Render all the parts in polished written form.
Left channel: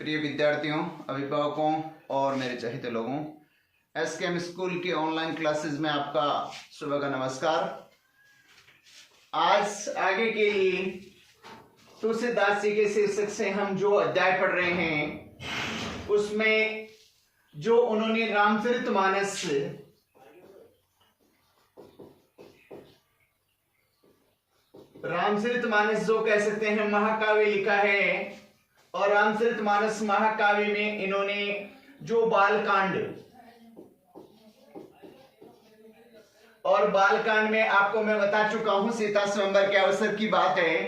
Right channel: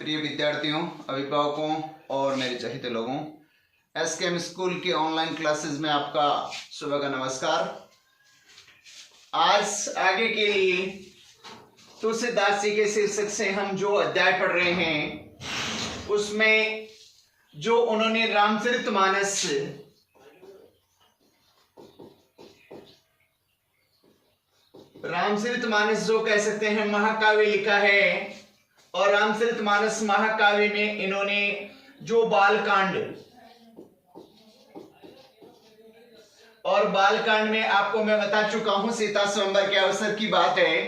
प्रिय विद्यार्थियों, अभिभावकों और मेरे चहेते लोगों, एसकेएम स्कूल की ऑनलाइन क्लासेस में आपका सुबह का नमस्कार। आज आगे के लिए तुलसीदास जी के शीर्षक से हम जो अध्याय पढ़ रहे हैं उसमें जो उन्होंने रामचरितमानस जो कह सकते हैं महाकाव्य लिखा है। और रामचरितमानस महाकाव्य में इन्होंने जो बालकांड में आपको मैं बता चुका हूं, सीता स्वयंवर के अवसर की बात है।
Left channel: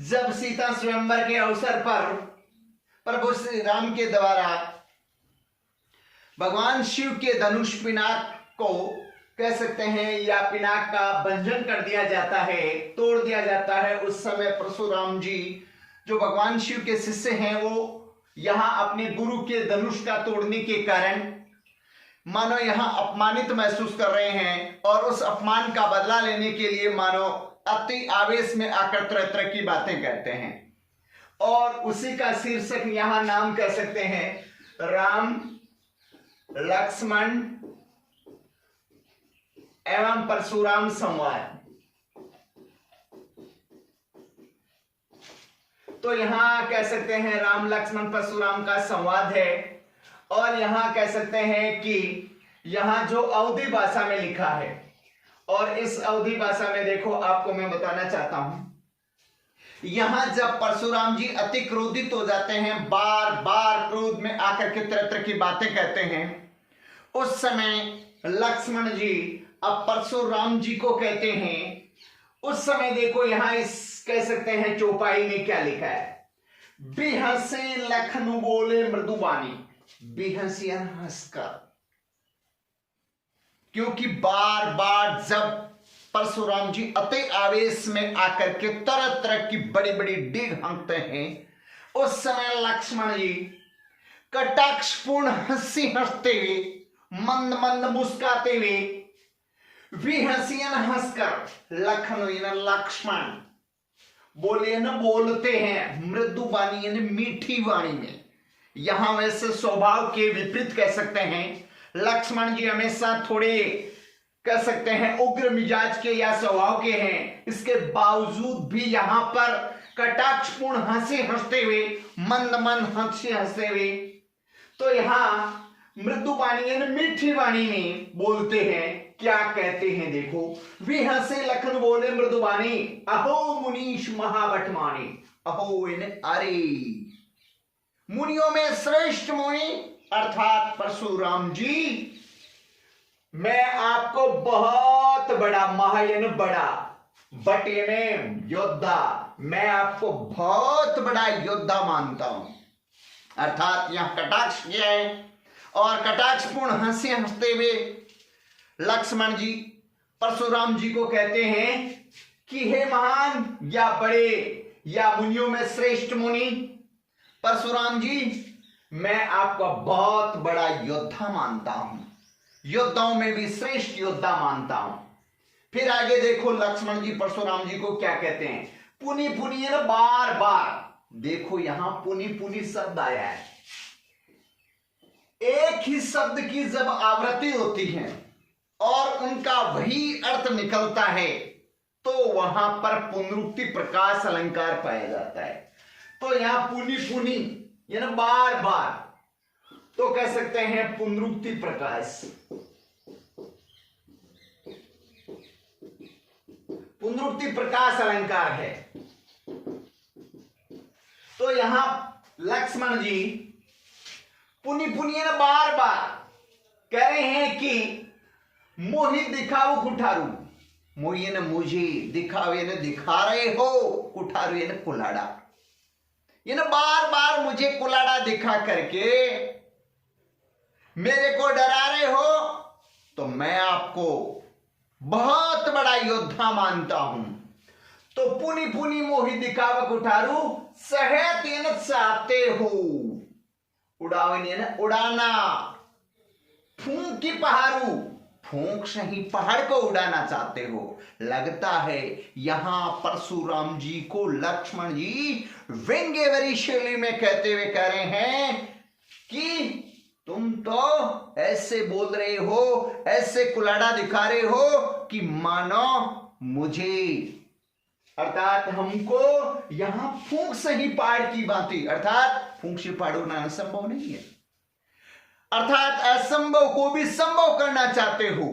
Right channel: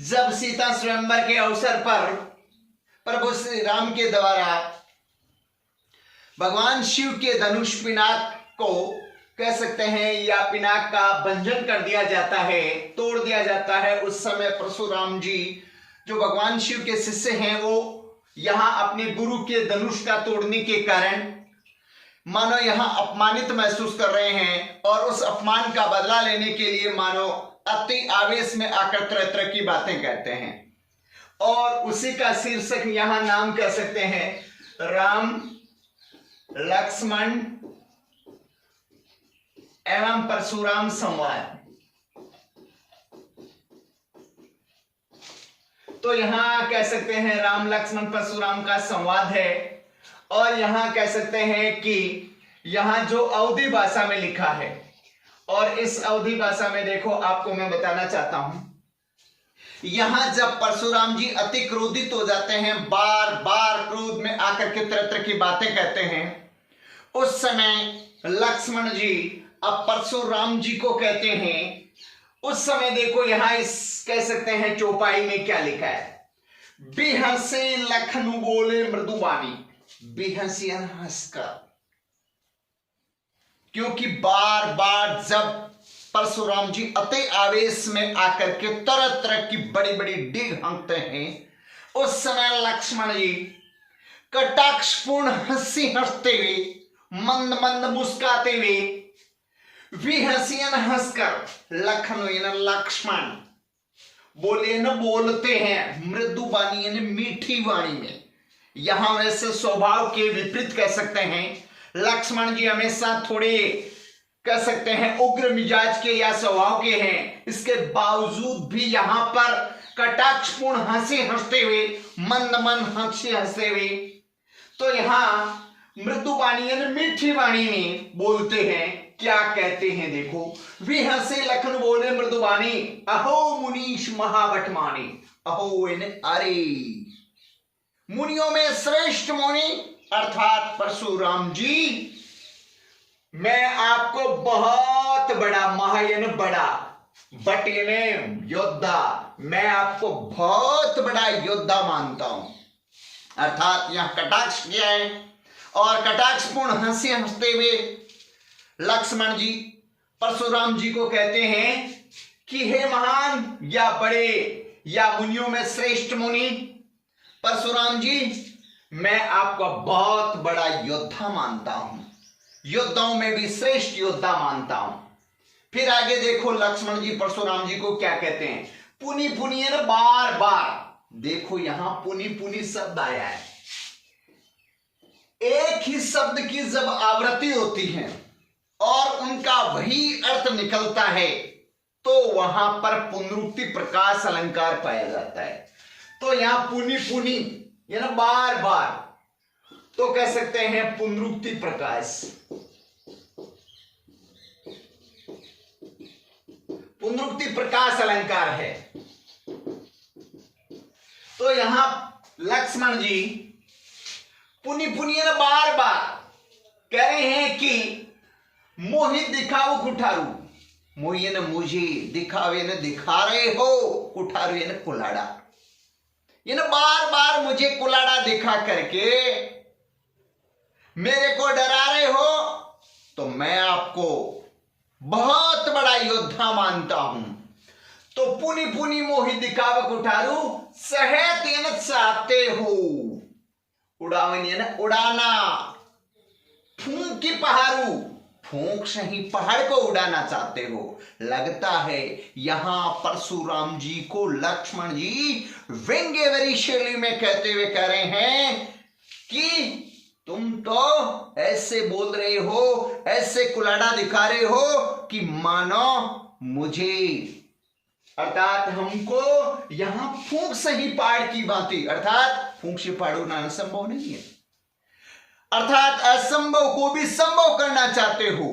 जब सीता स्वयंवर के अवसर पर प्रभु श्री राम के द्वारा भगवान शिव के धनुष पिनाक को कह सकते हैं या पिनाक का भंजन कर दिया जाता है, तोड़ दिया जाता है, उस समय परशुराम जी जो भगवान शिव के शिष्य हैं वो यहां अपने गुरु के धनुष का तोड़ने के कारण मानो यहां अपमानित महसूस कर रहे हैं और उस अपमान का बदला लेने के लिए मानो अति आवेश में आकर तरह तरह की बातें कहते हैं। और उसी का शीर्षक यहां नाम कह सकते हैं राम लक्ष्मण एवं परशुराम संवाद। तो यहां कह सकते हैं राम लक्ष्मण परशुराम का संवाद है। और यहां कह सकते हैं कि यहां जो अवधी भाषा में लिखा है, और इस अवधी भाषा में देखो आपको मैं बताना चाहता हूं, यहां जब परशुराम जी अति क्रोधित हो जाते हैं, बार बार क्रोध में आकर के तरह तरह की बातें कहते हैं, उस समय लक्ष्मण जी अब परशुराम जी को कहते हैं। उस समय देखो यहां इस कह सकते हैं चौपाई में क्या लिखा है, बिहसे लखनु बोले मृदुबानी, बिहसियन हंसकर। क्योंकि बार बार जब परशुराम जी अति आवेश में आकर के तरह तरह की बड़ी बड़ी डीग हाँकते हैं, उस समय लक्ष्मण जी कटाक्षपूर्ण हंसी हंसते हुए, मंद मंद मुस्काते हुए, विहसियन हंसकर, लखन लक्ष्मण बोले न बोलते हैं मृदु वाणी यानी मीठी वाणी में। यहां वैसे स्वभाव के विपरीत कह सकते हैं, लक्ष्मण जी हमेशा थोड़े कह सकते हैं उग्र मिजाज के या स्वभाव के हैं, इसके बावजूद भी यहां पर कटाक्षपूर्ण हंसी हंसते हुए, मंद मंद हंसी हंसते हुए, तो यहां मृदु वाणी यानी मीठी वाणी में बोलते हैं। क्या कहते हैं देखो, विहसे लखन बोले मृदुबानी, अहो मुनीश महावटमानी। अहो अरे मुनियों में श्रेष्ठ मुनि अर्थात परशुराम जी, मैं आपको बहुत बड़ा, महायन बड़ा, बट योद्धा, मैं आपको बहुत बड़ा योद्धा मानता हूं। अर्थात यहां कटाक्ष किया है और कटाक्षपूर्ण हंसी हंसते हुए लक्ष्मण जी परशुराम जी को कहते हैं कि हे महान या बड़े या मुनियों में श्रेष्ठ मुनि परशुराम जी, मैं आपको बहुत बड़ा योद्धा मानता हूं, योद्धाओं में भी श्रेष्ठ योद्धा मानता हूं। फिर आगे देखो लक्ष्मण जी परशुराम जी को क्या कहते हैं, पुनि पुनि ना बार बार। देखो यहां पुनि पुनि शब्द आया है, एक ही शब्द की जब आवृत्ति होती है और उनका वही अर्थ निकलता है तो वहां पर पुनरुक्ति प्रकाश अलंकार पाया जाता है। तो यहां पुनि पुनि यानी बार बार, तो कह सकते हैं पुनरुक्ति प्रकाश, पुनरुक्ति प्रकाश अलंकार है। तो यहां लक्ष्मण जी पुनि पुनि यानी बार बार कह रहे हैं कि मोहि दिखाओ कुठारू, मोहि न मुझे, दिखावे न दिखा रहे हो, कुठारू न कुलाड़ा, ये ना बार बार मुझे कुलाड़ा दिखा करके मेरे को डरा रहे हो, तो मैं आपको बहुत बड़ा योद्धा मानता हूं। तो पुनि पुनि मोहि दिखावा कुठारू, सहे तेन चाहते हो, उड़ावन ना उड़ाना, फूंकी पहारू, फूंक से ही पहाड़ को उड़ाना चाहते हो। लगता है यहां परशुराम जी को लक्ष्मण जी व्यंग्यवरी शैली में कहते हुए कह रहे हैं कि तुम तो ऐसे बोल रहे हो, ऐसे कुलाड़ा दिखा रहे हो कि मानो मुझे, अर्थात हमको यहां फूंक से ही पहाड़ की भांति, अर्थात फूंक से पहाड़ उड़ना संभव नहीं है, अर्थात असंभव को भी संभव करना चाहते हो।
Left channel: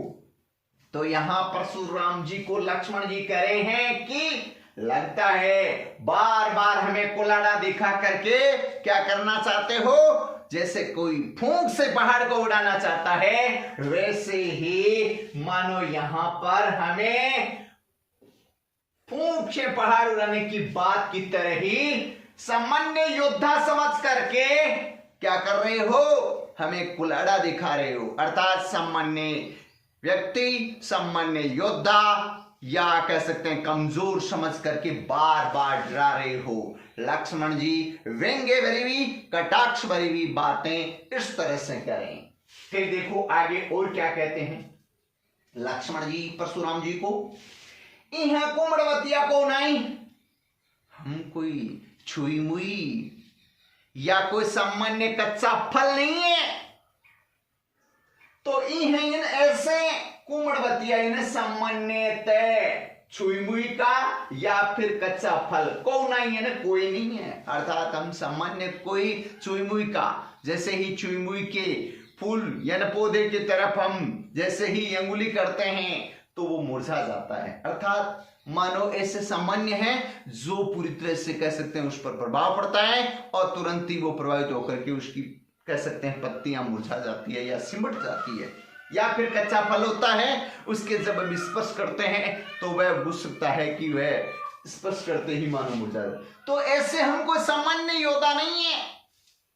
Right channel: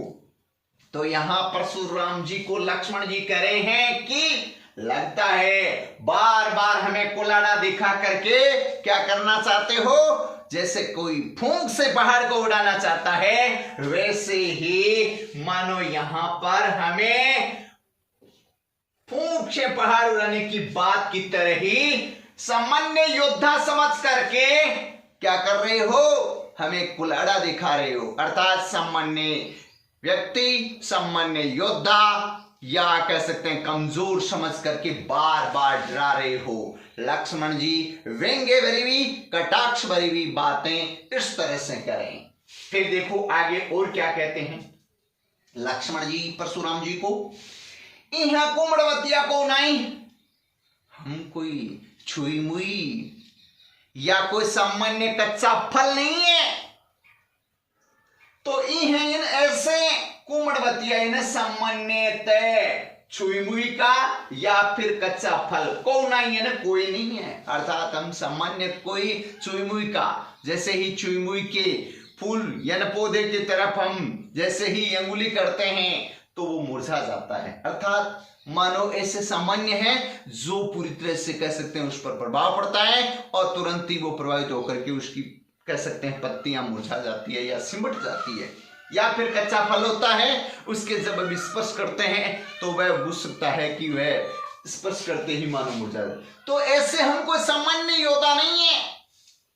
तो यहां परशुराम जी को लक्ष्मण जी कह रहे हैं कि लगता है बार बार हमें कुलाड़ा दिखा करके क्या करना चाहते हो, जैसे कोई फूंक से पहाड़ को उड़ाना चाहता है, वैसे ही मानो यहां पर हमें फूंक से पहाड़ उड़ाने की बात की तरह ही सामान्य योद्धा समझ करके क्या कर रहे हो, हमें कुलाड़ा दिखा रहे हो, अर्थात सामान्य व्यक्ति, सामान्य योद्धा या कह सकते हैं कमजोर समझ करके बार बार डरा रहे हो। लक्ष्मण जी व्यंग्य भरी हुई, कटाक्ष भरी हुई बातें इस तरह से करें। फिर देखो आगे और क्या कहते हैं लक्ष्मण जी परशुराम जी को, यहां कुमड़वतिया को नहीं, हम कोई छुई मुई या कोई सामान्य कच्चा फल नहीं है, तो इन ऐसे कुमड़वतिया इन सामान्यतः छुई मुई का या फिर कच्चा फल को नहीं है ना, कोई नहीं है, अर्थात हम सामान्य कोई छुई मुई का, जैसे ही छुई मुई के फूल या पौधे की तरफ हम जैसे ही अंगुली करते हैं तो वो मुरझा जाता है, अर्थात मानो ऐसे सामान्य है जो पूरी तरह से कह सकते हैं उस पर प्रभाव पड़ता है और तुरंत ही वो प्रभावित होकर के उसकी कह सकते हैं पत्तियां मुरझा जाती है या सिमट जाती है। या फिर कच्चा फल होता है, उसके जब हम स्पर्श करते हैं तो वह बुझ सकता है कि वह स्पर्श करते ही मानो मुरझा जाए। तो ऐसे हम कोई सामान्य योद्धा नहीं है,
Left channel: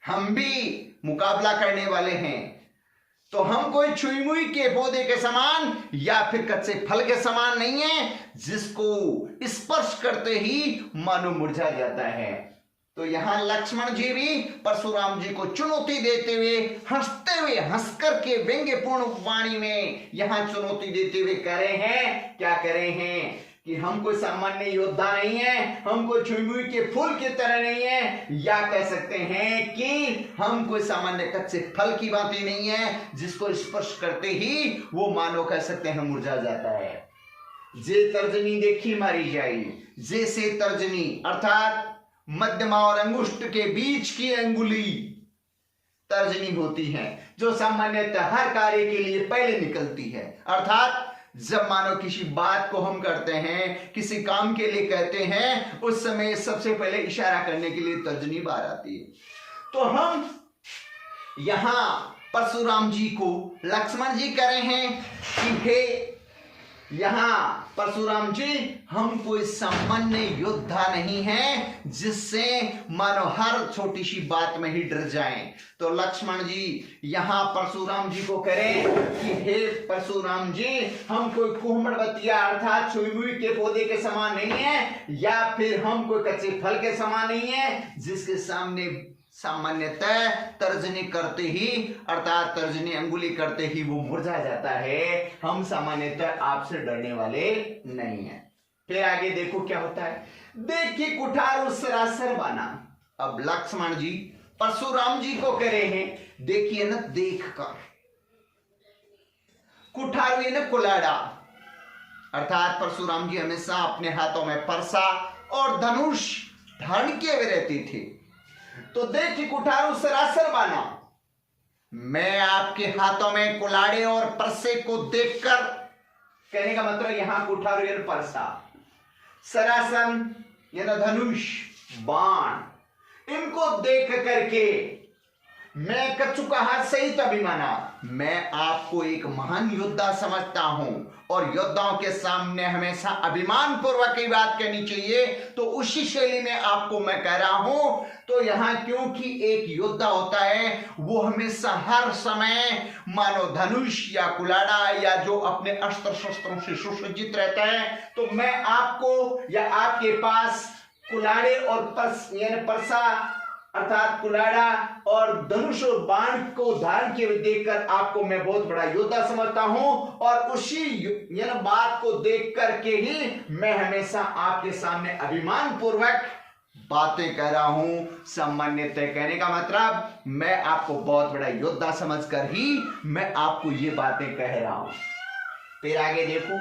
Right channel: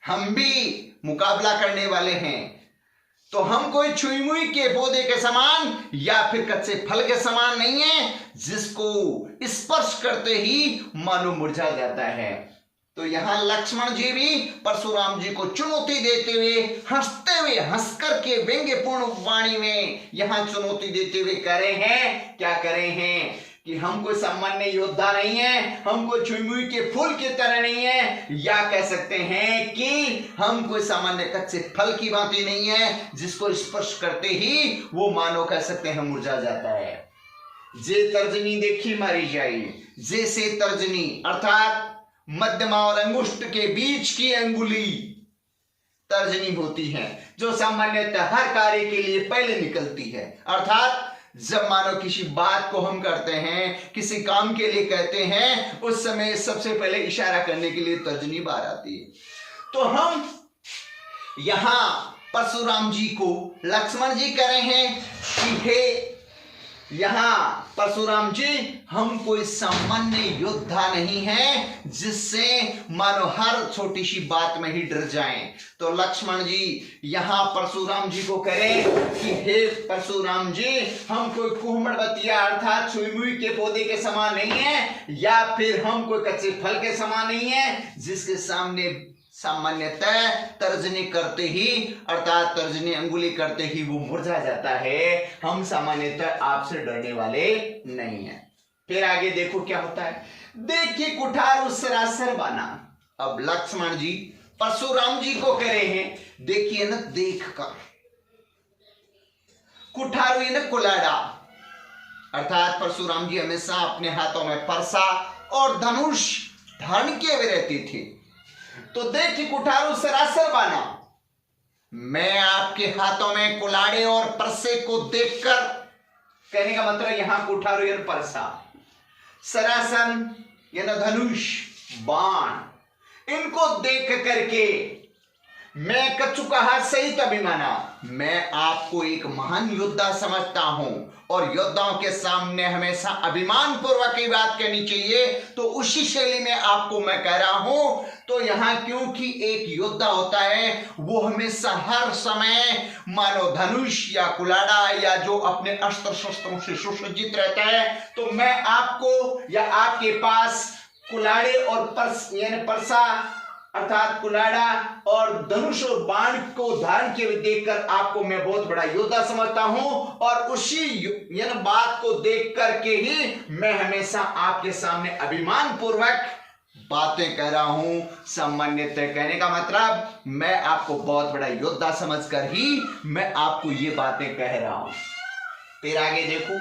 हम भी मुकाबला करने वाले हैं, तो हम कोई छुई मुई के पौधे के समान या फिर कच्चे फल के समान नहीं है जिसको स्पर्श करते ही मानो मुरझा जाता है। तो यहां लक्ष्मण जी भी परशुराम जी को चुनौती देते हुए हंसते हुए हंसकर के व्यंग्यपूर्ण वाणी में यहां चुनौती देते हुए कह रहे हैं, क्या कह रहे हैं कि हम कोई सामान्य योद्धा नहीं है, हम कोई छुई मुई के फूल की तरह नहीं है, या कह सकते हैं कि हम कोई सामान्य कच्चे फल की भांति नहीं है जिसको स्पर्श करते ही वो मानो कह सकते हैं मुरझा जाता है। जे तर्जनी देखी मारी जाए, जैसे तर्जनी अर्थात मध्यमा और अंगुष्ठ के बीच की अंगुली तर्जनी होती है जो सामान्यतः हर कार्य के लिए पहले निकलती है, अर्थात जब मानो किसी बात को हम करते हैं, किसी काम के लिए कहते हैं, उस समय सबसे पहले इशारा करने के लिए तर्जनी बाहर आती है। तो हम यहां परशुराम जी को लक्ष्मण जी कह रहे हैं कि हे यहां परशुराम जी हम कोई सामान्य योद्धा नहीं है जिससे मानो हर छोटी सी बात में ही डर जाएं। तो लक्ष्मण जी यहां परशुराम जी को करें कि हे परशुराम जी हम कोई कुमड़वतिया अर्थात छुई मुई के पौधे के समान नहीं है या फिर हम कोई कच्चे फल के समान नहीं है जिसके सामने सामान्यतः तर्जनी करते ही अर्थात तर्जनी अंगुली करते ही वो मुरझा जाता है। हम सामान्यतः आपसे डरने वाले नहीं हैं। फिर आगे देखो क्या होता है, देखिए कुठार उस सरासर बाना। अब लक्ष्मण जी परशुराम जी को कह रहे हैं, देखिए ना देख कर कुठार न कुलाड़ा, अर्थात परशुराम जी हमेशा अपने हाथों में परसा और धनुष धारण किए हुए रहते थे। तो देखिए कुठारू सरासर बाना, मैं आपके हाथों में कुलाड़े और परसे को देखकर, कहने का मतलब यहां कुठारू यानी परसा, सरासन यानी धनुष बाण, इनको देख करके मैं कचुकाहट सहित अभिमाना, मैं आपको एक महान योद्धा समझता हूं और योद्धाओं के सामने हमेशा अभिमान पूर्वक की बात कहनी चाहिए, तो उसी शैली में आपको मैं कह रहा हूं। तो यहां क्योंकि एक योद्धा होता है वो हमेशा हर समय मानो धनुष या कुलाड़ा या जो अपने अस्त्र शस्त्रों से सुसज्जित रहता है, तो मैं आपको या आपके पास कुलाड़े और परसा अर्थात कुलाड़ा और धनुष और बाण को धारण किए हुए देखकर आपको मैं बहुत बड़ा योद्धा समझता हूं, और उसी बात को देख करके ही मैं हमेशा आपके सामने अभिमान पूर्वक बातें कर रहा हूं। सामान्यतः कहने का मतलब मैं आपको बहुत बड़ा योद्धा समझकर ही मैं आपको ये बातें कह रहा हूं। फिर आगे देखो,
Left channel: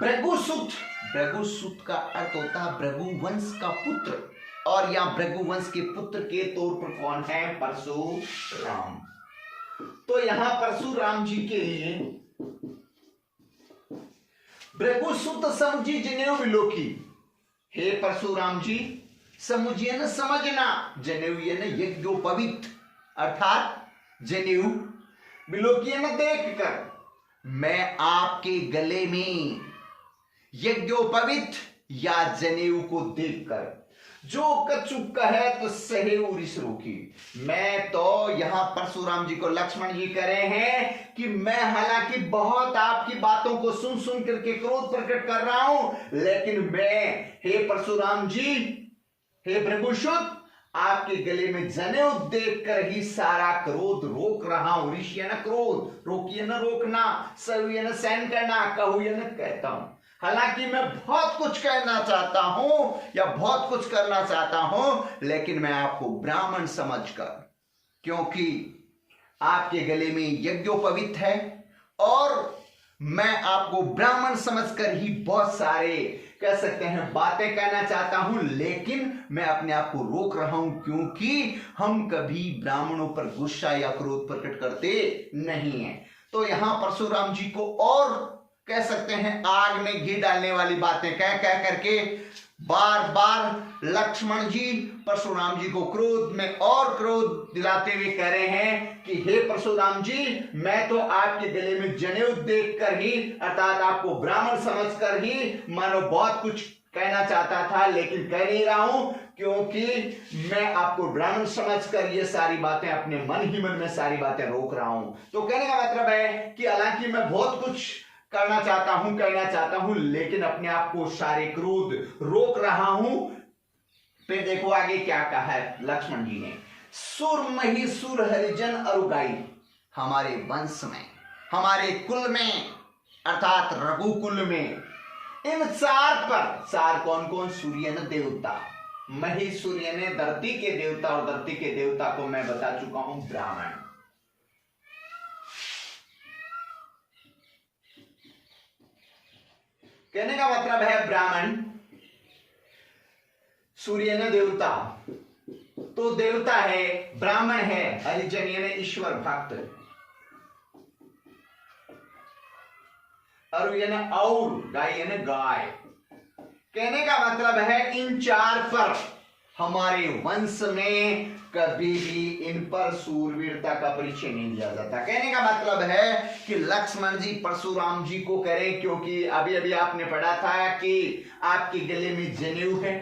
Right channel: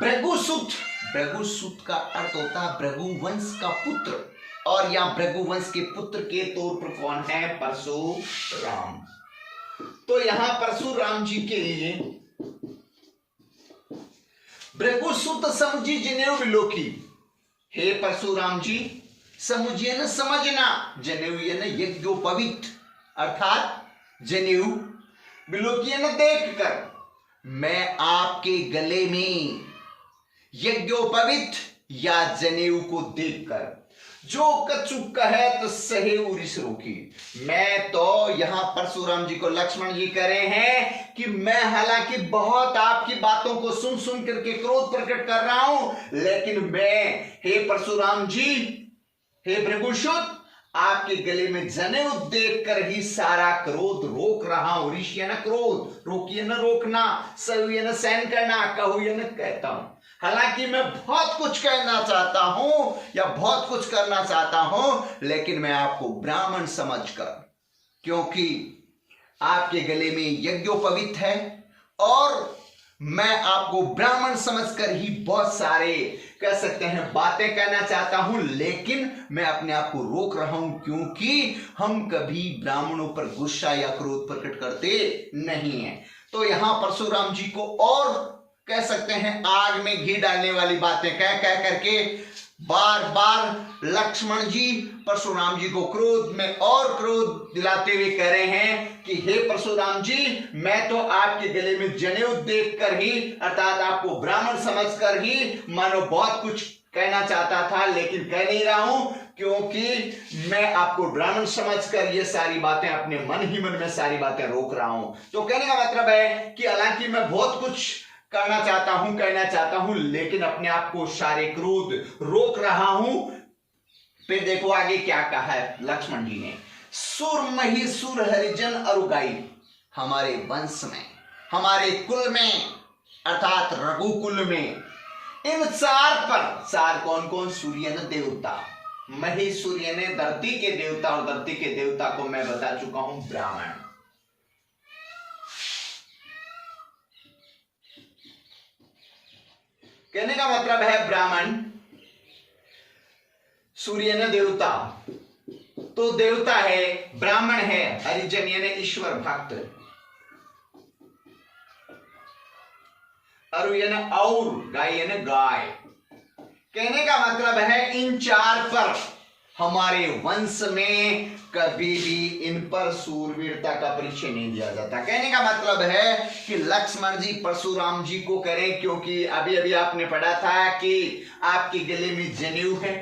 भृगुसुत। भृगुसुत का अर्थ होता है भृगुवंश का पुत्र, और यहां भृगुवंश के पुत्र के तौर पर कौन है? परशुराम। तो यहां परशुराम जी के लिए भृगुसुत समझी जनेऊ विलोकी। हे परशुराम जी, समझिए न, समझना, जनेऊ ये न यज्ञोपवीत, अर्थात जनेऊ विलोकी न देखकर मैं आपके गले में यज्ञोपवीत या जनेऊ को देखकर जो कछु कहे तो सहे उरिस रोकी। मैं तो यहां परशुराम जी को लक्ष्मण जी कह रहे हैं कि मैं हालांकि बहुत आपकी बातों को सुन सुन करके क्रोध प्रकट कर रहा हूं, लेकिन मैं, हे परशुराम जी, हे भृगुसुत, आपके गले में जनेऊ देखकर ही सारा क्रोध रोक रहा हूं। ऋषि न क्रोध, रोकिए न रोकना, सहिए न सहन करना, कहुए न कहता हूं। हालांकि मैं बहुत कुछ कहना चाहता हूं या बहुत कुछ करना चाहता हूं, लेकिन मैं आपको ब्राह्मण समझकर, क्योंकि आपके गले में यज्ञोपवीत है और मैं आपको ब्राह्मण समझकर ही बहुत सारे कह सकते हैं बातें कहना चाहता हूं, लेकिन मैं अपने आप को रोक रहा हूं, क्योंकि हम कभी ब्राह्मणों पर गुस्सा या क्रोध प्रकट करते नहीं हैं। तो यहां परशुराम जी को और कह सकते हैं आग में घी डालने वाली बातें कह कह करके बार बार लक्ष्मण जी परशुराम जी को क्रोध में और क्रोध दिलाते हुए कह रहे हैं कि हे परशुराम जी, मैं तो आपके गले में जनेऊ देखकर ही, अर्थात आपको ब्राह्मण समझकर ही मानो बहुत कुछ कहना चाहता था, लेकिन कह नहीं रहा हूं, क्योंकि मैं आपको ब्राह्मण समझकर ये सारी बातें अपने मन ही मन में सारी बातें रोक रहा हूं। तो कहने का मतलब है कि हालांकि मैं बहुत कुछ करना चाहता हूं, कहना चाहता हूं, लेकिन अपने आप को सारे क्रोध रोक रहा हूं। फिर देखो आगे क्या कहा है लक्ष्मण जी ने, सुर महिसुर हरिजन अरुगाई। हमारे वंश में, हमारे कुल में, अर्थात रघुकुल में इन चार पर, चार कौन कौन? सूर्य न देवता, महिसूर्य ने धरती के देवता, और धरती के देवता को मैं बता चुका हूं ब्राह्मण। कहने का मतलब है ब्राह्मण, सूर्य ने देवता, तो देवता है, ब्राह्मण है, हरिजन यानी ईश्वर भक्त, अरु यानी और, गाय यानी गाय। कहने का मतलब है इन चार पर हमारे वंश में कभी भी इन पर सूरवीरता का परिचय नहीं दिया जाता। कहने का मतलब है कि लक्ष्मण जी परशुराम जी को करें, क्योंकि अभी अभी आपने पढ़ा था कि आपके गले में जनेऊ है,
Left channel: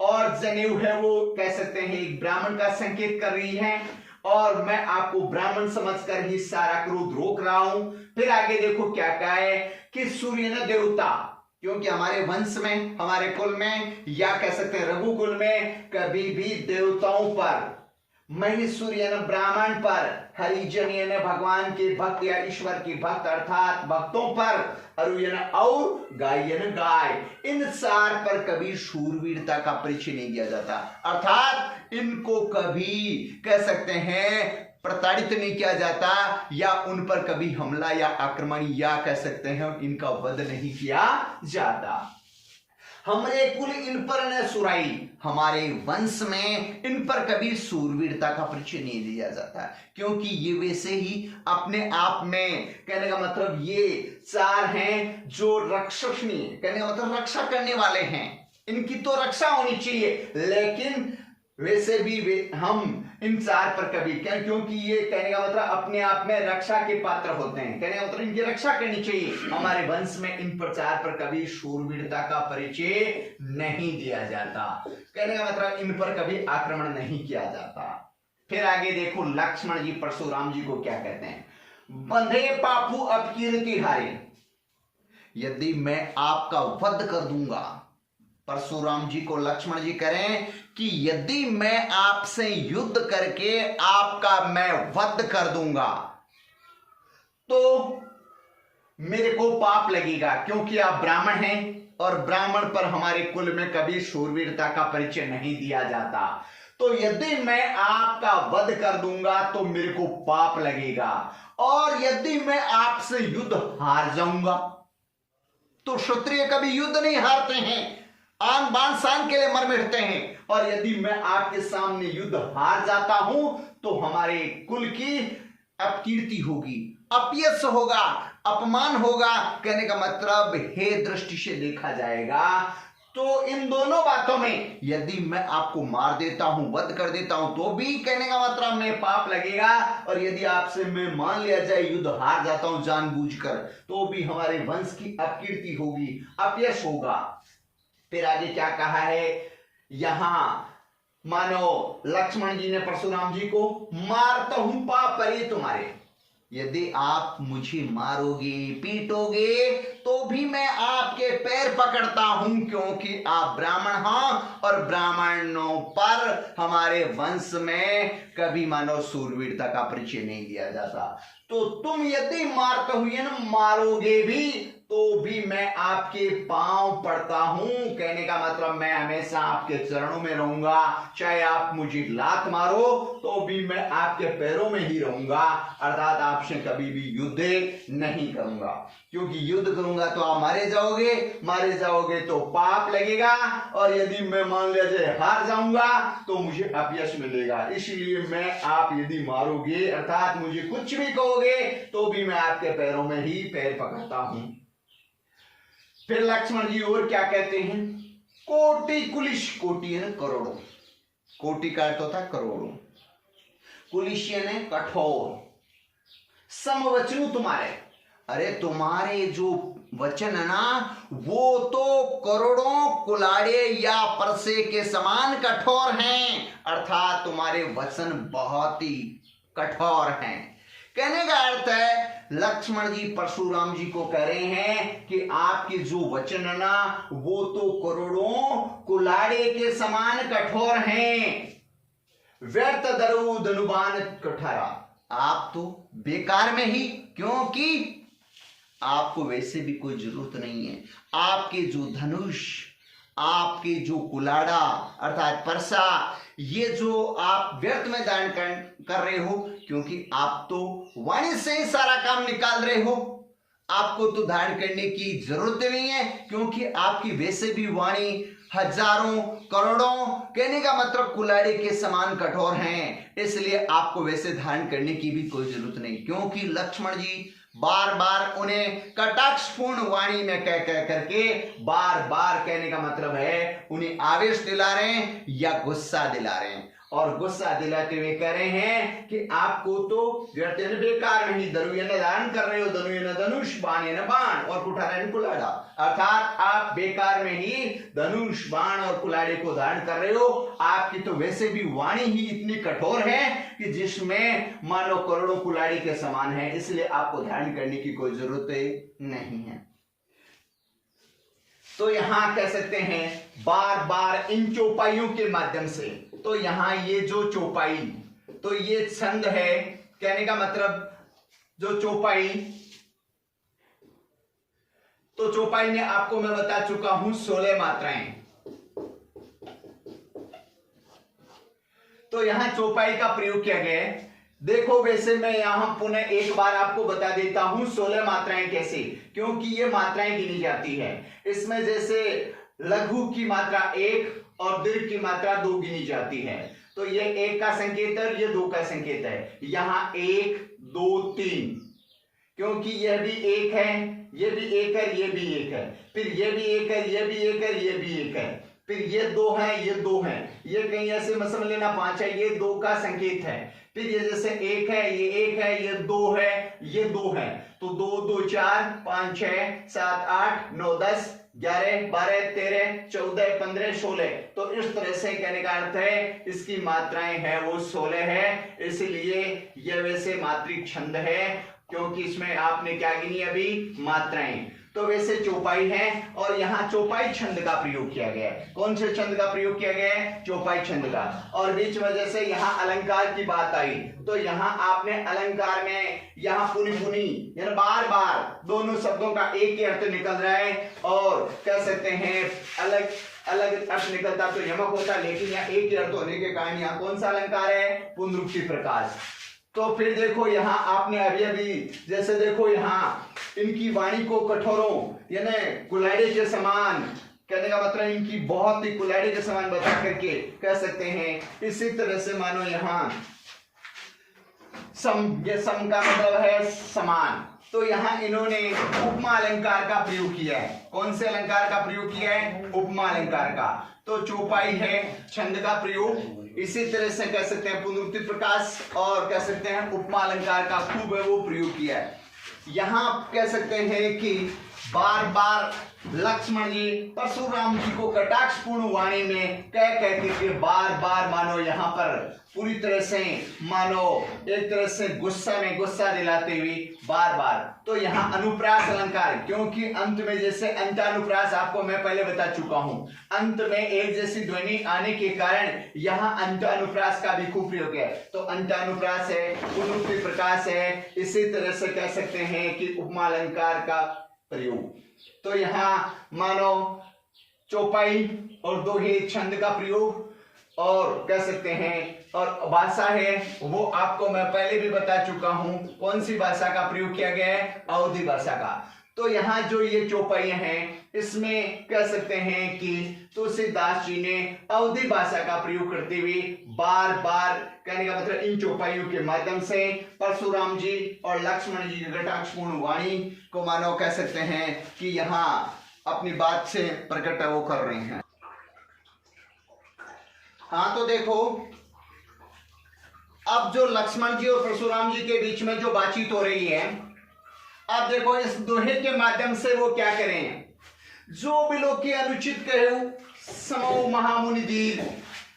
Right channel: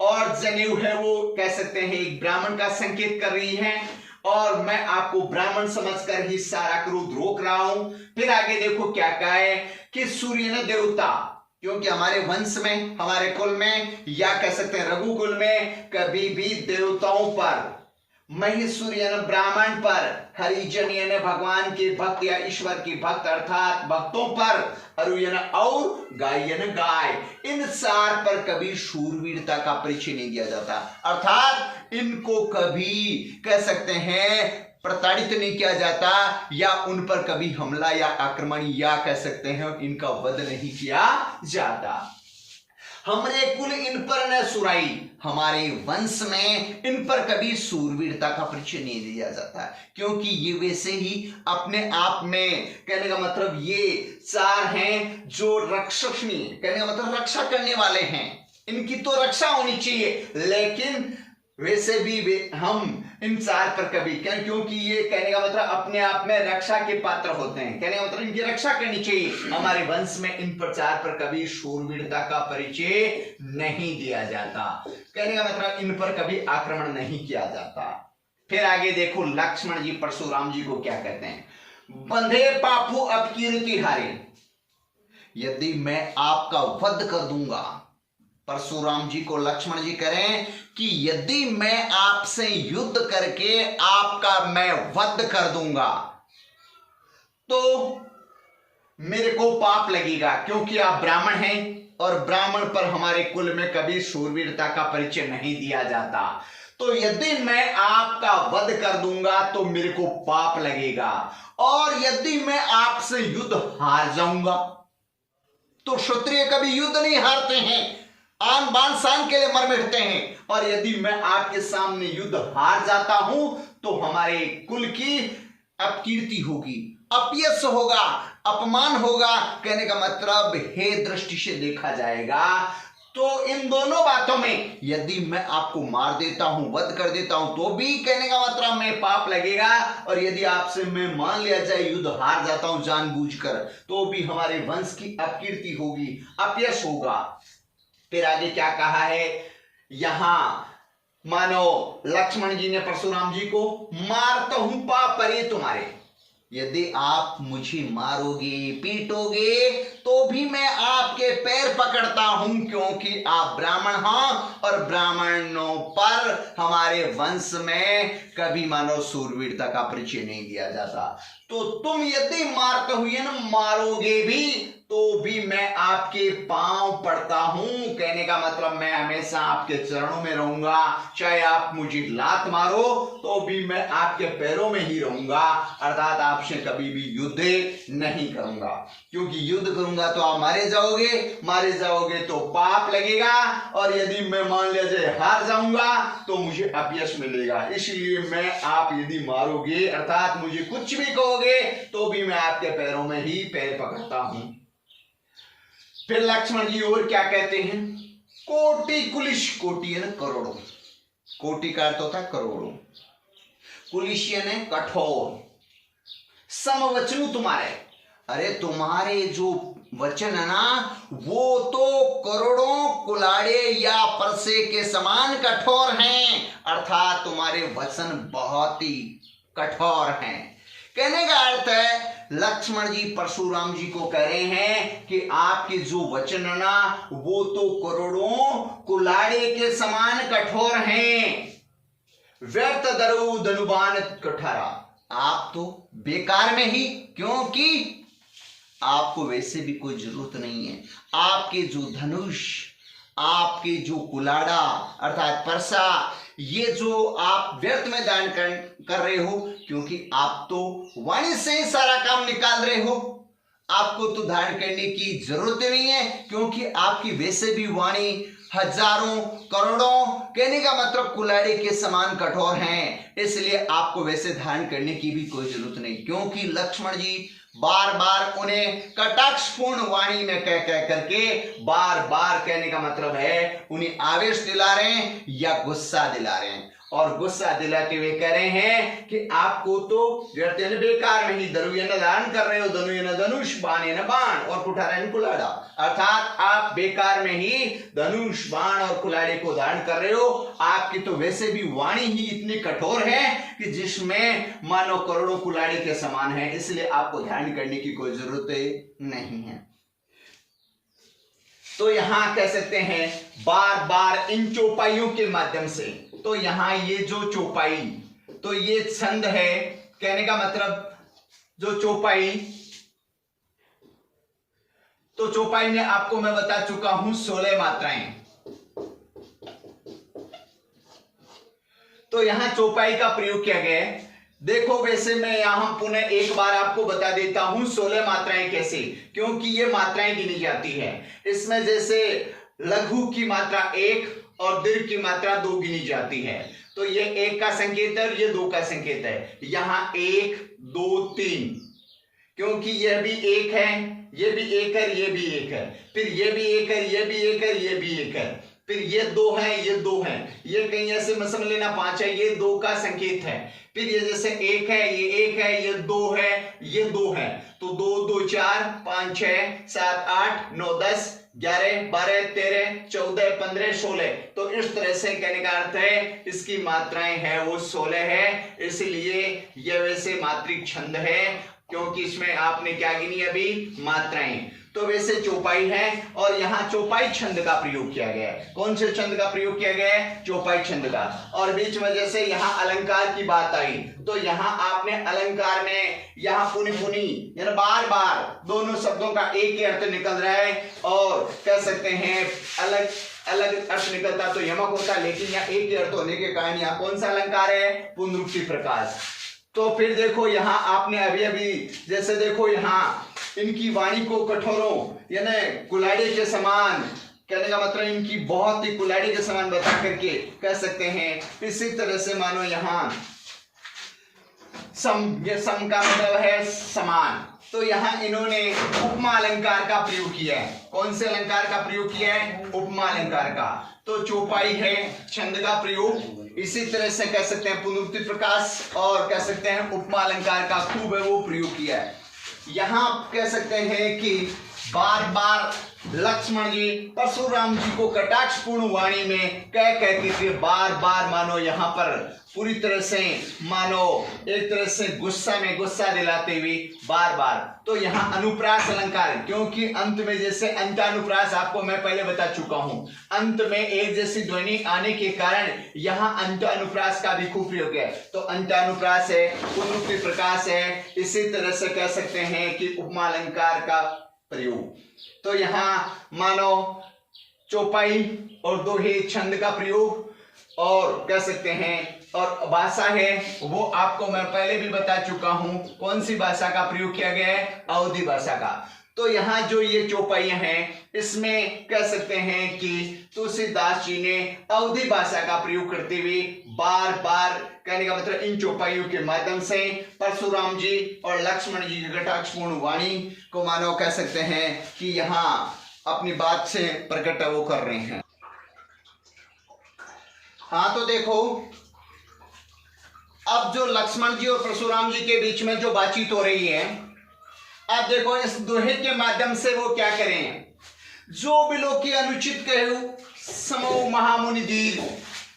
और जनेऊ है वो कह सकते हैं एक ब्राह्मण का संकेत कर रही है, और मैं आपको ब्राह्मण समझकर ही सारा क्रोध रोक रहा हूं। फिर आगे देखो क्या कहा है कि सूर्य न देवता, क्योंकि हमारे वंश में, हमारे कुल में, या कह सकते हैं रघुकुल में कभी भी देवताओं पर, महिसूर यानी ब्राह्मण पर, हरिजन यानी भगवान के भक्त या ईश्वर की भक्त अर्थात भक्तों पर, अरु यानी और, गाय यानी गाय, इन चार पर कभी शूरवीरता का परिचय नहीं दिया जाता। अर्थात इनको कभी कह सकते हैं प्रताड़ित नहीं किया जाता, या उन पर कभी हमला या आक्रमण या कह सकते हैं इनका वध नहीं किया जाता। हमरे कुल इन पर न सुराई, हमारे वंश में इन पर कभी सूरवीरता का परिचय नहीं दिया जाता, क्योंकि ये वैसे ही अपने आप में, कहने का मतलब ये चार हैं जो रक्षणीय, कहने का मतलब रक्षा करने वाले हैं, इनकी तो रक्षा होनी चाहिए, लेकिन वैसे भी हम इन चार पर कभी क्या, क्योंकि ये कहने का मतलब अपने आप में रक्षा के पात्र होते हैं, कहने का मतलब इनकी रक्षा करनी चाहिए, हमारे वंश में इन पर चार पर कभी शूरवीरता का परिचय नहीं दिया जाता, कहने का मतलब इन पर कभी आक्रमण नहीं किया जाता। फिर आगे देखो लक्ष्मण जी परशुराम जी को क्या कहते हैं, बंधे पापू अपकीर्ति हारे, यदि मैं आपका वध कर दूंगा परशुराम जी को लक्ष्मण जी करें कि यदि मैं आपसे युद्ध करके आपका मैं वध कर दूंगा तो मेरे को पाप लगेगा, क्योंकि आप ब्राह्मण हैं और ब्राह्मण पर हमारे कुल में कभी शूरवीरता का परिचय नहीं दिया जाता। तो यदि मैं आपका वध कर दूंगा तो मेरे को पाप लगेगा, और यदि मैं आपसे युद्ध हार जाऊंगा तो क्षत्रिय कभी युद्ध नहीं हारते हैं, आन बान शान के लिए मर मिटते हैं, और यदि मैं आपके सामने युद्ध हार जाता हूं तो हमारे कुल की अपकीर्ति होगी, अपयश होगा, अपमान होगा। कहने का मतलब हे दृष्टि से देखा जाएगा तो इन दोनों बातों में यदि मैं आपको मार देता हूं, वध कर देता हूं, तो भी कहने का मतलब मैं पाप लगेगा, और यदि आपसे मैं मान लिया जाए युद्ध हार जाता हूं जानबूझकर, तो भी हमारे वंश की अपकीर्ति होगी, अपयश होगा। फिर आगे क्या कहा है, यहां मानो लक्ष्मण जी ने परशुराम जी को, मारता हूं पाप परे तुम्हारे, यदि आप मुझे मारोगे पीटोगे तो भी मैं आपके पैर पकड़ता हूं, क्योंकि आप ब्राह्मण हैं और ब्राह्मणों पर हमारे वंश में कभी मानो शूरवीरता का परिचय नहीं दिया जाता। तो तुम यदि मारते हुए ना मारोगे भी तो भी मैं आपके पांव पड़ता हूं। कहने का मतलब मैं हमेशा आपके चरणों में रहूंगा, चाहे आप मुझे लात मारो तो भी मैं आपके पैरों में ही रहूंगा, अर्थात आपसे कभी भी युद्ध नहीं करूंगा, क्योंकि युद्ध करूंगा तो आप मारे जाओगे तो पाप लगेगा, और यदि मैं मान लिया जाए हार जाऊंगा तो मुझे अपयश मिलेगा। इसलिए मैं आप यदि मारोगे अर्थात मुझे कुछ भी कहोगे तो भी मैं आपके पैरों में ही पैर पकड़ता हूं। फिर लक्ष्मण जी और क्या कहते हैं, कोटि कुलिश, कोटि है ना करोड़ों, कोटि का अर्थ होता करोड़ों, कुलिश यानी कठोर, समवचनु तुम्हारे, अरे तुम्हारे जो वचन है ना वो तो करोड़ों कुलाड़े या परसे के समान कठोर हैं, अर्थात तुम्हारे वचन बहुत ही कठोर हैं। कहने का अर्थ है लक्ष्मण जी परशुराम जी को कह रहे हैं कि आपके जो वचन है ना वो तो करोड़ों कुलाड़े के समान कठोर हैं। व्यर्थ दरु धनुबान कठारा, आप तो बेकार में ही, क्योंकि आपको वैसे भी कोई जरूरत नहीं है। आपके जो धनुष, आपके जो कुलाड़ा अर्थात परसा, ये जो आप व्यर्थ में दान कर रहे हो, क्योंकि आप तो वाणी से ही सारा काम निकाल रहे हो, आपको तो धारण करने की जरूरत नहीं है, क्योंकि आपकी वैसे भी वाणी हजारों करोड़ों कहने का मतलब कुलाड़े के समान कठोर हैं, इसलिए आपको वैसे धारण करने की भी कोई जरूरत नहीं। क्योंकि लक्ष्मण जी बार बार उन्हें कटाक्षपूर्ण वाणी में कह करके बार बार कहने का मतलब है उन्हें आवेश दिला रहे हैं या गुस्सा दिला रहे हैं, और गुस्सा दिलाते हुए कह रहे हैं कि आपको तो व्यर्थ बेकार में ही दरु धारण कर रहे हो, धनु धनुष, बाण बाण और कुठारा कुलाड़ा, अर्थात आप बेकार में ही धनुष बाण और कुलाड़े को धारण कर रहे हो। आपकी तो वैसे भी वाणी ही इतनी कठोर है कि जिसमें मानो करोड़ों कुलाड़ी के समान है, इसलिए आपको धारण करने की कोई जरूरत नहीं है। तो यहां कह सकते हैं बार बार इन चौपाइयों के माध्यम से, तो यहां ये जो चौपाई, तो ये छंद है, कहने का मतलब जो चौपाई, तो चौपाई में आपको मैं बता चुका हूं 16 मात्राएं। तो यहां चौपाई का प्रयोग किया गया है। देखो वैसे मैं यहां पुनः एक बार आपको बता देता हूं 16 मात्राएं कैसे, क्योंकि ये मात्राएं गिनी जाती है। इसमें जैसे लघु की मात्रा 1 और दीर्घ की मात्रा 2 गिनी जाती है, तो ये 1 का संकेत है और ये 2 का संकेत है। यहां 1 2 3, क्योंकि यह भी 1 है, ये भी 1 है, ये भी 1 है, फिर ये भी 1 है, ये भी 1 है, ये भी 1 है, फिर ये 2 है, ये 2 है, ये कहीं ऐसे मत समझ लेना 5 है, ये 2 का संकेत है। फिर ये जैसे 1 है, ये 1 है, ये 2 है, ये 2 है, तो 2 2 4 5 6 7 8 9 10 11 12 13 14 15 16, तो इस तरह से कहने का अर्थ है इसकी मात्राएं है वो 16 है। इसलिए यह वैसे मात्रिक छंद है, क्योंकि इसमें आपने क्या गिनी अभी मात्राएं। तो वैसे चौपाई है और यहाँ चौपाई छंद का प्रयोग किया गया है। कौन से छंद का प्रयोग किया गया है? चौपाई छंद का। और बीच में जैसे यहाँ अलंकार की बात आई तो यहाँ आपने अलंकार में यहाँ पुनि पुनि यानी बार बार दोनों शब्दों का एक ही अर्थ निकल रहा है और कह सकते हैं अलग अलग अर्थ निकलता तो यमक होता, लेकिन यहाँ एक ही अर्थ होने के कारण यहाँ कौन सा अलंकार है? पुनरुक्ति प्रकाश। तो फिर देखो यहाँ आपने अभी अभी जैसे देखो यहाँ इनकी वाणी को कठोरों यानी कुल्हाड़ी के समान, कहने का मतलब इनकी बहुत ही कुल्हाड़ी के समान बता करके कह सकते हैं। इसी तरह से मानो यहाँ ये सम का मतलब है समान, तो यहाँ इन्होंने उपमा अलंकार का प्रयोग किया है। कौन से अलंकार का प्रयोग किया है? उपमा अलंकार का। तो चौपाई है छंद का प्रयोग, इसी तरह से कह सकते हैं पुनरुक्ति प्रकाश और कह सकते हैं उपमा अलंकार का खूब है वो प्रयोग किया है। यहाँ कह सकते हैं कि बार बार लक्ष्मण जी परशुराम जी को कटाक्षपूर्ण वाणी में कह के बार बार मानो यहाँ पर पूरी तरह से मानो एक तरह से गुस्सा में गुस्सा दिलाते हुए बार बार। तो यहाँ अनुप्रास अलंकार, क्योंकि अंत में जैसे अंतानुप्रास आपको मैं पहले बता चुका हूं, अंत में एक जैसी ध्वनि आने के कारण यहाँ अंतानुप्रास का भी खूब प्रयोग है। तो अंतानुप्रास है, पुनरुक्ति प्रकाश है, इसी तरह से कह सकते हैं कि उपमा अलंकार का प्रयोग। तो यहाँ मानो चौपाई और दोहे छंद का प्रयोग और कह सकते हैं, और भाषा है वो आपको मैं पहले भी बता चुका हूं कौन सी भाषा का प्रयोग किया गया है? अवधी भाषा का। तो यहाँ जो ये चौपाइयां हैं इसमें कह सकते हैं कि तुलसीदास जी ने अवधी भाषा का प्रयोग करते हुए बार बार, कहने का मतलब इन चौपाइयों के माध्यम से परशुराम जी और लक्ष्मण जी की कटाक्षपूर्ण वाणी को मानो कह सकते हैं कि यहाँ अपनी बात से प्रकट वो कर रहे हैं। हाँ तो देखो अब जो लक्ष्मण जी और परशुराम जी के बीच में जो बातचीत हो रही है, अब देखो इस दोहे के माध्यम से वो क्या करें? जो बिलो की अनुचित कहू समो महामुनि दीर,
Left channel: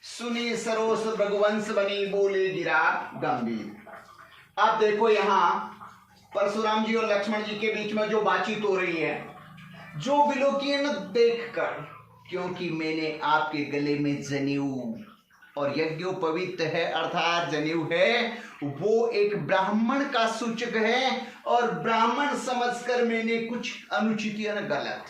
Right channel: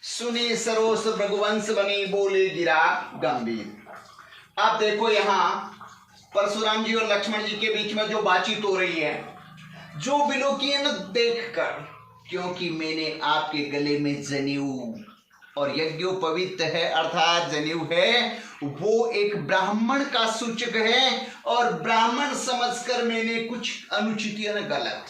सुनी सरोस भृगुवंश बनी बोले गिरा गंभीर। अब देखो यहाँ परशुराम जी और लक्ष्मण जी के बीच में जो बातचीत हो रही है, जो बिलो की न देख कर, क्योंकि मैंने आपके गले में जनेऊ, और यज्ञोपवीत है अर्थात जनेऊ है वो एक ब्राह्मण का सूचक है, और ब्राह्मण समझकर मैंने कुछ अनुचित यानी गलत,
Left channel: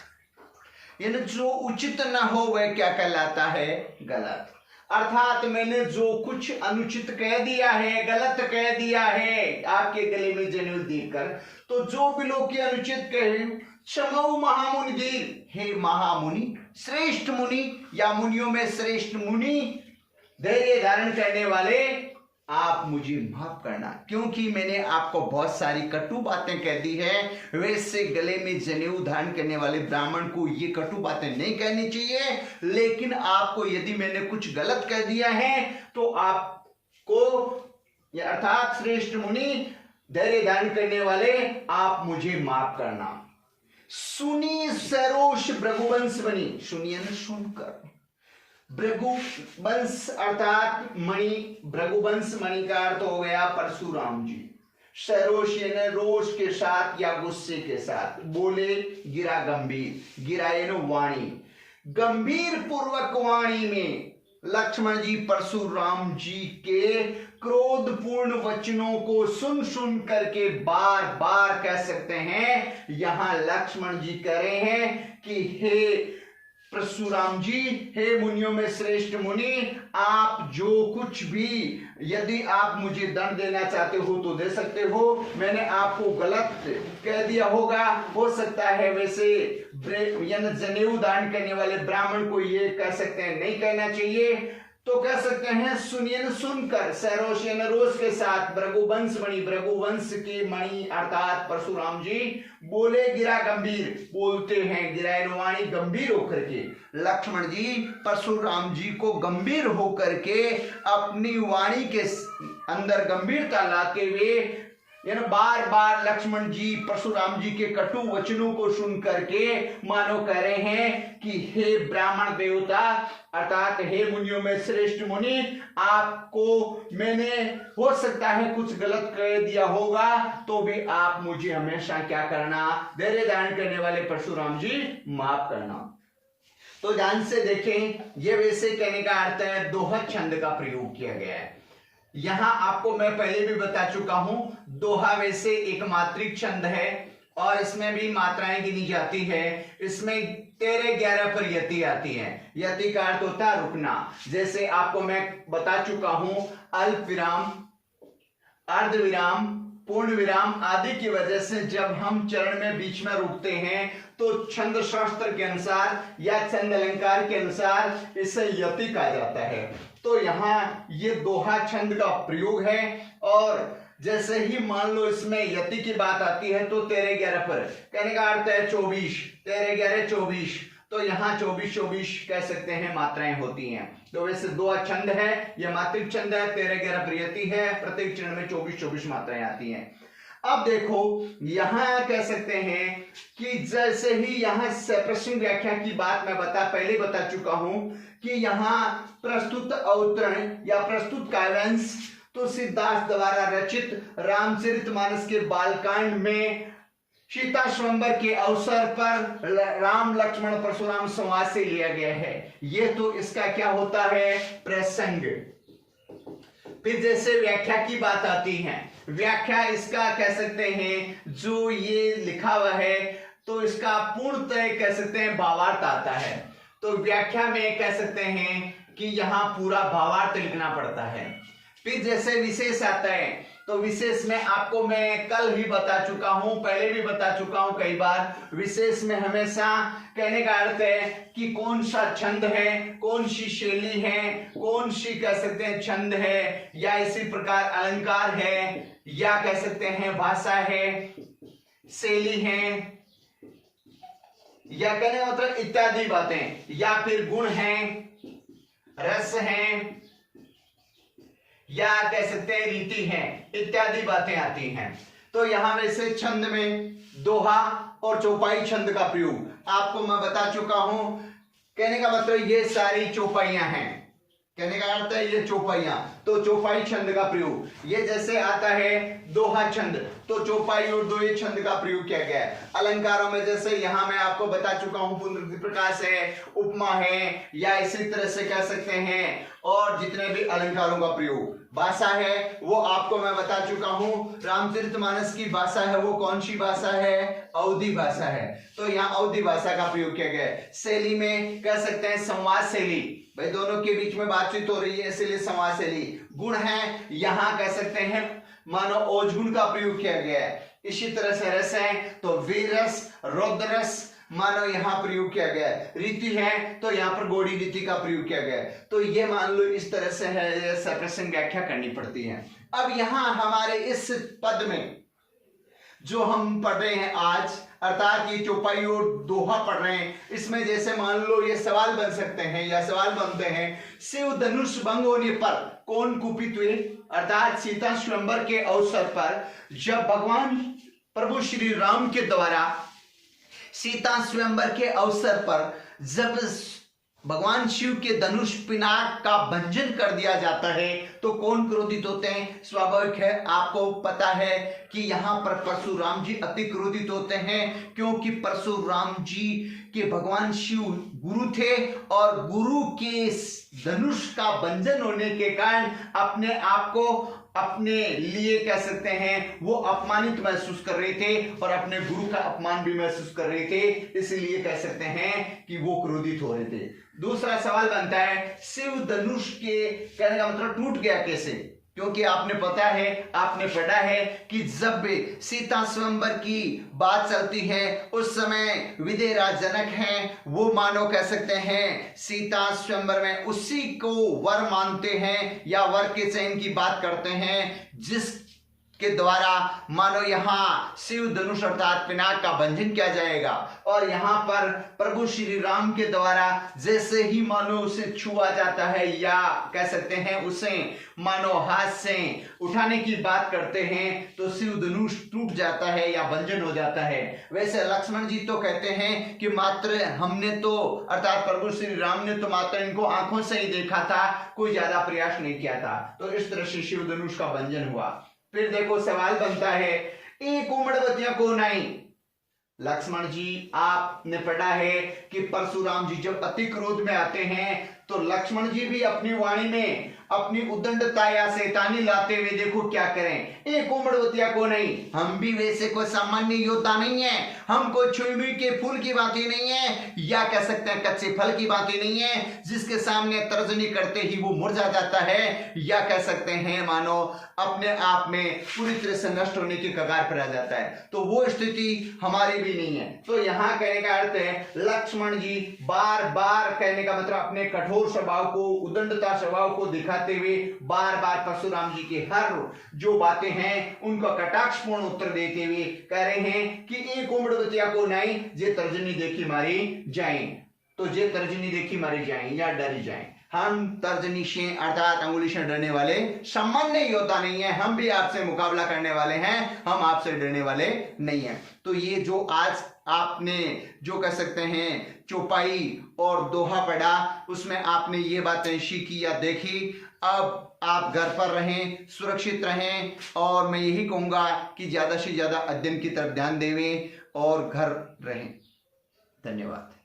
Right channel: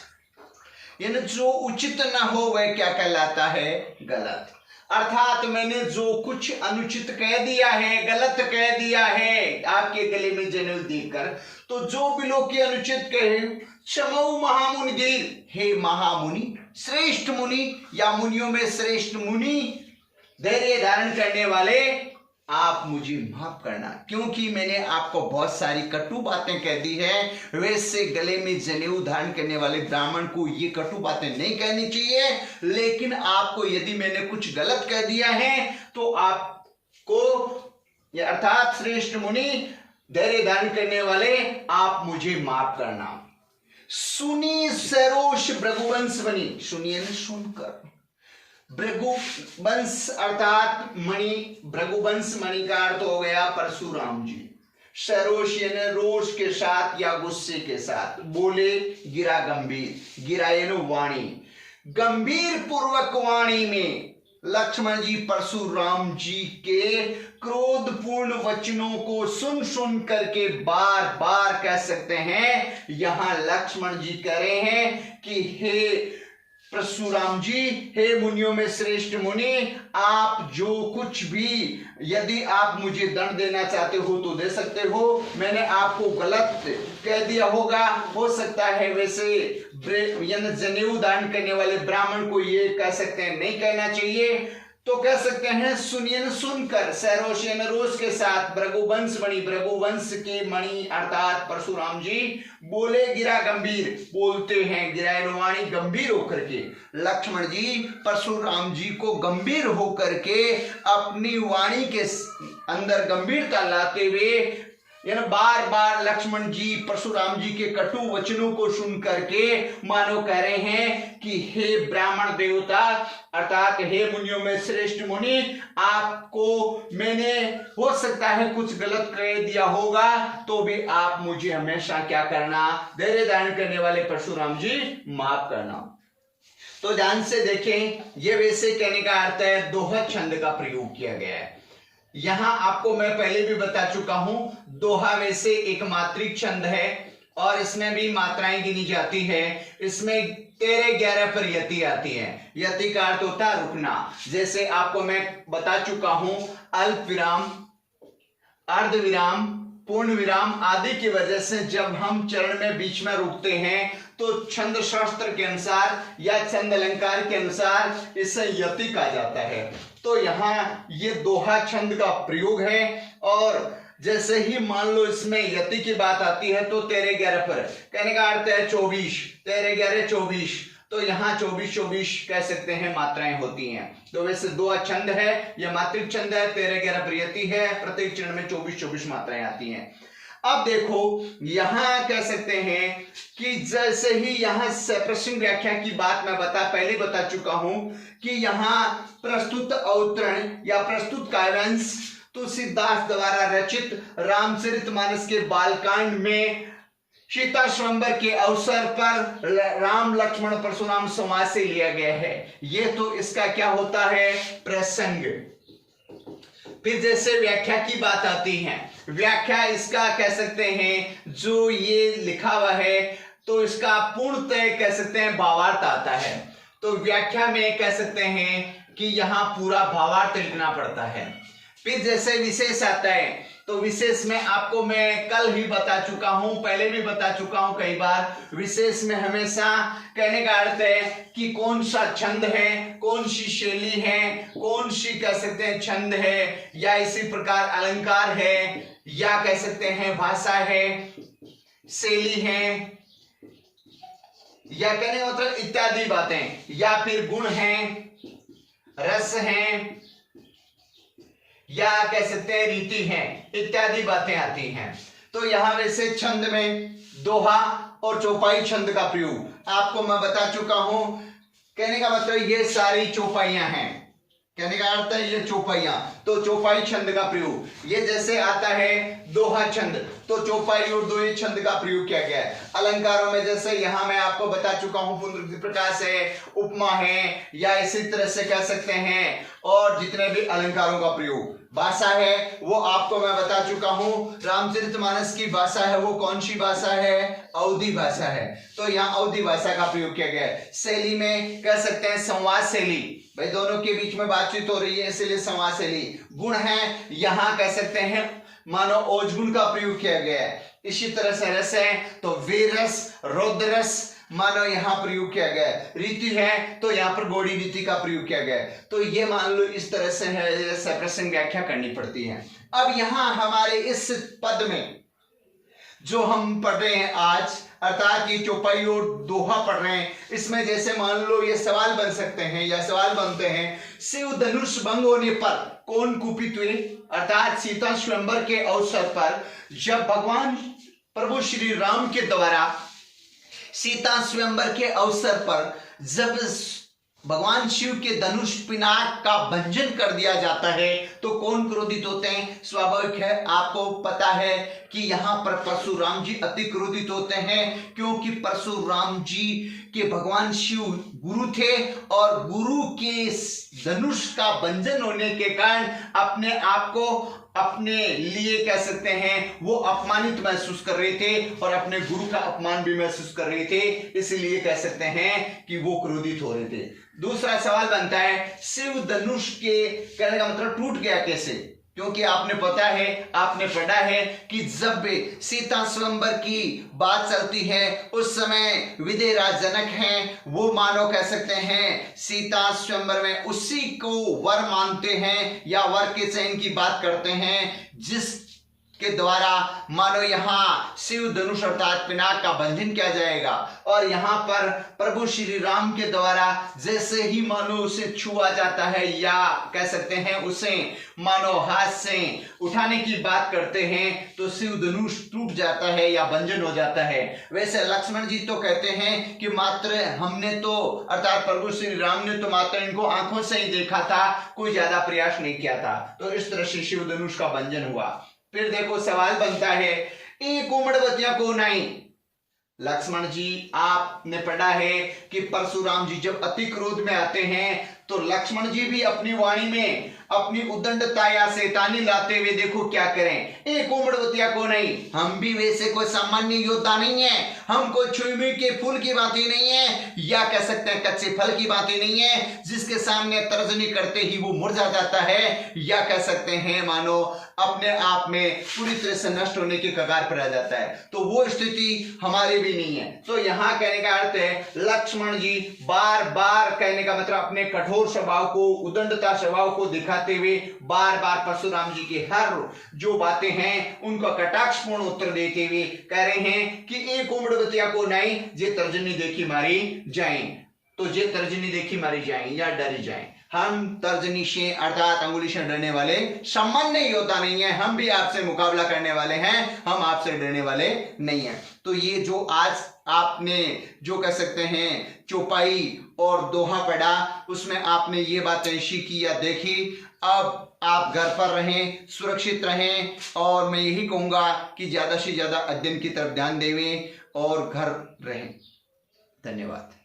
यानी जो उचित ना हो वह क्या कहलाता है? गलत। अर्थात मैंने जो कुछ अनुचित कह दिया है, गलत कह दिया है आपके गले में जनेऊ देकर, तो जो बिलो की अनुचित कहे क्षमऊ महामुनि दीर, हे महामुनि श्रेष्ठ मुनि या मुनियों में श्रेष्ठ मुनि धैर्य धारण करने वाले, आप मुझे माफ करना, क्योंकि मैंने आपको बहुत सारी कटु बातें कह दी है। वैसे गले में जनेऊ धारण करने वाले ब्राह्मण को ये कटु बातें नहीं कहनी चाहिए, लेकिन आपको यदि मैंने कुछ गलत कह दिया है तो आपको अर्थात श्रेष्ठ मुनि धैर्य धारण करने वाले आप मुझे माफ करना। सुनी सरोष भृगुवंश बनी, सुनिए न सुनकर, भृगुवंश अर्थात मणि, भृगुवंश मणि का अर्थ हो गया परशुराम जी। सरोष यानी रोष के साथ या गुस्से के साथ, बोले गिरा गंभीर, गिरा यानी वाणी, गंभीर पूर्वक वाणी में लक्ष्मण जी परशुराम जी के क्रोधपूर्ण वचनों को सुन सुन करके बार बार कह सकते हैं, यहां लक्ष्मण जी कह रहे हैं कि हे परशुराम जी, हे मुनियों में श्रेष्ठ मुनि, आप जो कुछ भी यदि आप मुझे दंड देना चाहते हो तो दे सकते हो। मैंने आपको गलत कह दिया होगा, हो सकता है वैसे यानी जनेऊ दान करने वाले ब्राह्मण को ये कह सकते हैं नहीं कहना चाहिए, तो कह सकते हैं सुनिए न सुनकर, सरोष यानी रोष के साथ, भृगुवंश मणि, भृगुवंश के मणि अर्थात परशुराम जी बोले गिरा गंभीर, बोलते हैं गिरा वाणी गंभीर होकर के। लक्ष्मण जी परशुराम जी को गंभीर होकर के अपनी वाणी के अंदर गंभीरता लाते हुए यानी बार बार लक्ष्मण जी परशुराम जी के कटु वचनों को सुन करके मानो कह रहे हैं कि हे ब्राह्मण देवता अर्थात हे मुनियों में श्रेष्ठ मुनि, आपको मैंने हो सकता है कुछ गलत कह दिया होगा, तो भी आप मुझे हमेशा क्या करना, धैर्य धारण करने वाले परशुराम जी माफ करना। तो ध्यान से देखें, ये वैसे कहने का अर्थ है दोहा छंद का प्रयोग किया गया है। यहां आपको मैं पहले भी बता चुका हूं, दोहा वैसे एक मात्रिक छंद है और इसमें भी मात्राएं गिनी जाती है। इसमें 13-11 पर यति आती है। यति का अर्थ होता है रुकना। जैसे आपको मैं बता चुका हूं, अल्प विराम, अर्ध विराम, पूर्ण विराम आदि की वजह से जब हम चरण में बीच में रुकते हैं तो छंद शास्त्र के अनुसार या छंद अलंकार के अनुसार इसे यति कहा जाता है। तो यहां ये दोहा छंद का प्रयोग है और जैसे ही मान लो इसमें यति की बात आती है तो 13-11 पर कहने का अर्थ है 24, 13-11 24, तो यहाँ 24-24 कह सकते हैं मात्राएं होती हैं। तो वैसे दोहा छंद है, यह मात्रिक छंद है, 13-11 पर यति है, प्रत्येक चरण में 24-24 मात्राएं आती हैं। अब देखो यहां कह सकते हैं कि जैसे ही यहां प्रश्न व्याख्या की बात मैं पहले बता चुका हूं कि यहां प्रस्तुत अवतरण या प्रस्तुत काव्यांश तुलसीदास द्वारा रचित रामचरितमानस के बालकांड में सीता स्वयंवर के अवसर पर राम लक्ष्मण परशुराम संवाद से लिया गया है। ये तो इसका क्या होता है, प्रसंग। फिर जैसे व्याख्या की बात आती है, व्याख्या इसका कह सकते हैं जो ये लिखा हुआ है तो इसका पूर्णतः कह सकते हैं भावार्थ आता है। तो व्याख्या में कह सकते हैं कि यहां पूरा भावार्थ लिखना पड़ता है। फिर जैसे विशेष आता है तो विशेष में आपको मैं कल ही बता चुका हूं, पहले भी बता चुका हूं कई बार, विशेष में हमेशा कहने का अर्थ है कि कौन सा छंद है, कौन सी शैली है, कौन सी कह सकते हैं छंद है, या इसी प्रकार अलंकार है, या कह सकते हैं भाषा है, शैली है, या कहने का मतलब इत्यादि बातें, या फिर गुण है, रस है, या कह सकते हैं रीति है, इत्यादि बातें आती हैं। तो यहां वैसे छंद में दोहा और चौपाई छंद का प्रयोग आपको मैं बता चुका हूं। कहने का मतलब ये सारी चौपाइयां हैं, कहने का अर्थ है ये चौपाइयां। तो चौपाई छंद का प्रयोग ये जैसे आता है दोहा छंद, तो चौपाई और दोहे छंद का प्रयोग किया गया है। अलंकारों में जैसे यहां मैं आपको बता चुका हूं पुनरुक्ति प्रकाश है, उपमा है, या इसी तरह से कह सकते हैं और जितने भी अलंकारों का प्रयोग। भाषा है वो आपको मैं बता चुका हूं, रामचरितमानस की भाषा है वो कौन सी भाषा है, अवधी भाषा है, तो यहाँ अवधी भाषा का प्रयोग किया गया है। शैली में कह सकते हैं संवाद शैली, भाई दोनों के बीच में बातचीत हो रही है इसलिए संवाद शैली। गुण है यहाँ कह सकते हैं मानो ओजगुण का प्रयोग किया गया है। इसी तरह से रस है तो वीर रस, रौद्र रस मानो यहाँ प्रयोग किया गया है। रीति है तो यहाँ पर गौड़ी रीति का प्रयोग किया गया है। तो ये मान लो इस तरह से है, प्रसंग व्याख्या करनी पड़ती है। अब यहाँ हमारे इस पद में जो हम पढ़ रहे हैं आज, अर्थात ये चौपाई और दोहा पढ़ रहे हैं, इसमें जैसे मान लो ये सवाल बन सकते हैं या सवाल बनते हैं, शिव धनुष भंग होने पर कौन कुपित हुए, अर्थात सीता स्वयंवर के अवसर पर जब भगवान प्रभु श्री राम के द्वारा सीता स्वयंवर के अवसर पर जब भगवान शिव के धनुष पिनाक का भंजन कर दिया जाता है तो कौन क्रोधित होते हैं। स्वाभाविक है, आपको पता है कि यहाँ पर परशुराम जी अति क्रोधित होते हैं, क्योंकि परशुराम जी के भगवान शिव गुरु थे और गुरु के धनुष का भंजन होने के कारण अपने आप को अपने लिए कह सकते हैं वो अपमानित महसूस कर रहे थे और अपने गुरु का अपमान भी महसूस कर रहे थे, इसलिए कह सकते हैं कि वो क्रोधित हो रहे थे। दूसरा सवाल बनता है शिव धनुष के कहने का मतलब टूट गया कैसे, क्योंकि आपने पता है, आपने पढ़ा है कि जब सीता स्वयंवर की बात चलती है उस समय विदेहराज जनक हैं, वो मानो कह सकते हैं सीता स्वयंवर में उसी को वर मानते हैं या वर के चयन की बात करते हैं के द्वारा मानो यहाँ शिव धनुष अर्थात पिनाक का बंधन किया जाएगा। और यहाँ पर प्रभु श्री राम के द्वारा जैसे ही मानो उसे छुआ जाता है या कह सकते हैं उसे मानो हाथ से उठाने की बात करते हैं तो शिव धनुष टूट जाता है या बंधन हो जाता है। वैसे लक्ष्मण जी तो कहते हैं कि मात्र हमने तो अर्थात प्रभु श्री राम ने तो मात्र इनको आंखों से ही देखा था, कोई ज्यादा प्रयास नहीं किया था। तो इस तरह से शिव धनुष का बंधन हुआ। फिर देखो सवाल बनता है, एक उमड़वतिया को नहीं। लक्ष्मण जी आपने पढ़ा है कि परशुराम जी जब अति क्रोध में आते हैं तो लक्ष्मण जी भी अपनी वाणी में अपनी उदंडता या शैतानी लाते हुए देखो क्या करें, एक उमड़वतिया को नहीं। हम भी वैसे कोई सामान्य योद्धा नहीं है, हम कोई छुई के फूल की बात ही नहीं है या कह सकते हैं कच्चे फल की बात ही नहीं है जिसके सामने तर्जनी करते ही वो मुरझा जाता है या कह सकते हैं मानो अपने आप में पूरी तरह से नष्ट होने की कगार पर आ जाता है। तो वो स्थिति हमारी भी नहीं है। तो यहाँ कहने का अर्थ है लक्ष्मण जी बार बार कहने का मतलब अपने कठोर स्वभाव को उदंडता स्वभाव को दिखाते हुए बार बार परशुराम जी की हर जो बातें हैं उनका कटाक्षपूर्ण उत्तर देते हुए कह रहे हैं कि एक उमड़वतिया को नहीं जे तर्जनी देखी मारी जाए। तो जे तर्जनी देखी मारी जाए या डरी जाए। हम तर्जनी से अर्थात अंगुली से डरने वाले सामान्य योद्धा नहीं है, हम भी आपसे मुकाबला करने वाले हैं, हम आपसे डरने वाले नहीं हैं। तो ये जो आज आपने जो कह सकते हैं चौपाई और दोहा पढ़ा उसमें आपने ये बातें सीखी या देखी। अब आप घर पर रहें, सुरक्षित रहें और मैं यही कहूँगा कि ज़्यादा से ज़्यादा अध्ययन की तरफ ध्यान देवें और घर रहें। धन्यवाद।